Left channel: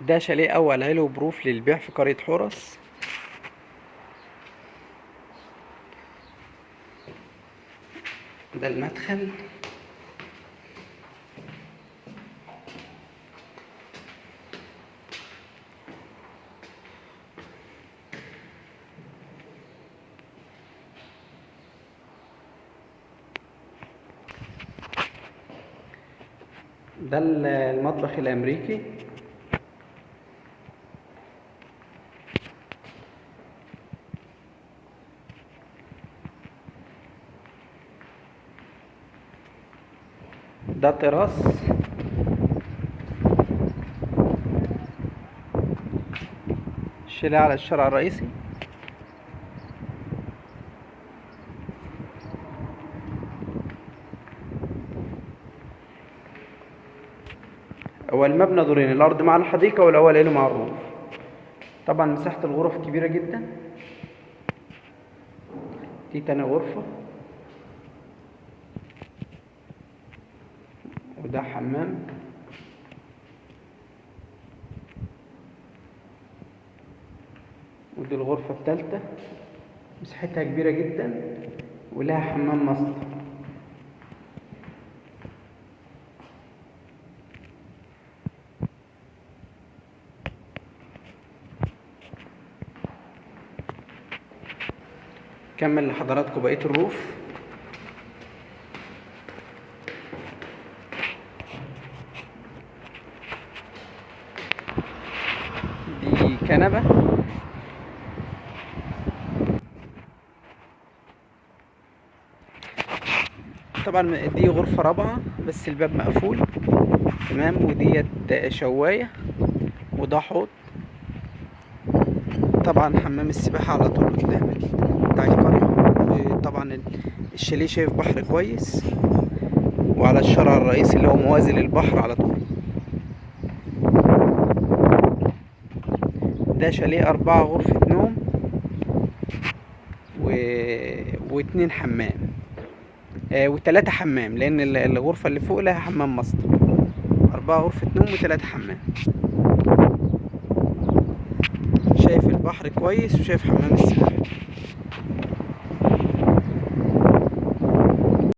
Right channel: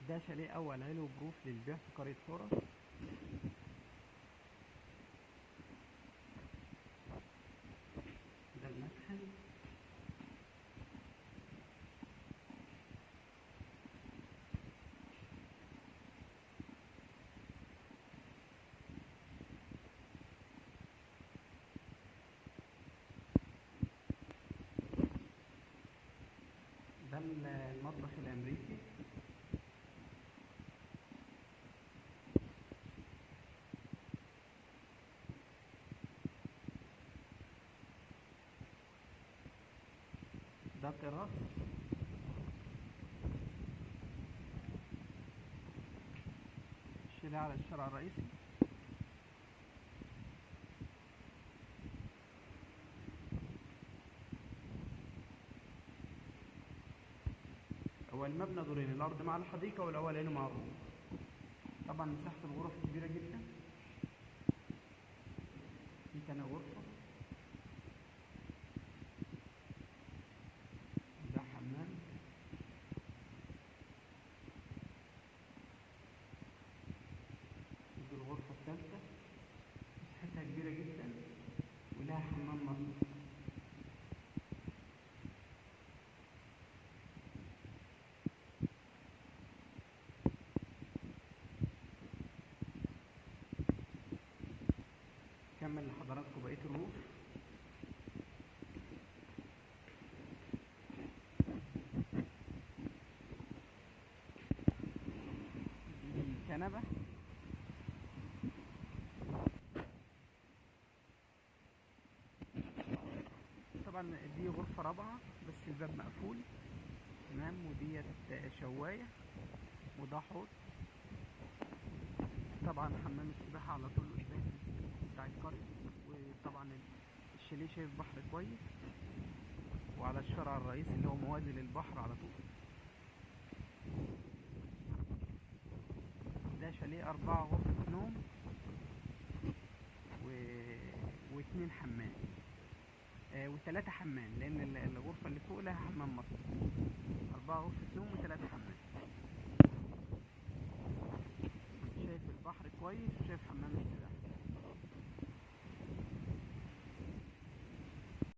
ده شاليه اول علو بروف للبيع في قرية حورس. ده المدخل. ده المطبخ الامريكي. ده تراس. شيلها على الشارع الرئيسي. هو المبنى دورين، الارض مع الحديقه والاول له مع الروف. طبعا مساحه الغرف كبيره جدا. دي تاني غرفه، وده حمام. ودي الغرفه الثالثه، مساحتها كبيره جدا ولها حمام ماستر. كمل لحضراتكم بقيه الروف. دي كنبه. طبعا دي غرفه رابعه بس الباب مقفول تمام. وديت شوايه، وده حوض. طبعا حمام السباحه على طول قدام بتاع القريه. وطبعا الشاليه شايف بحر كويس، وعلى الشارع الرئيسي اللي هو موازي للبحر على طول. ده شاليه 4 غرفة نوم واتنين حمام، و3 حمام، لأن الغرفة اللي فوق لها حمام ماستر. 4 غرفة نوم و3 حمام. شايف البحر كويس وشايف حمام السباحة.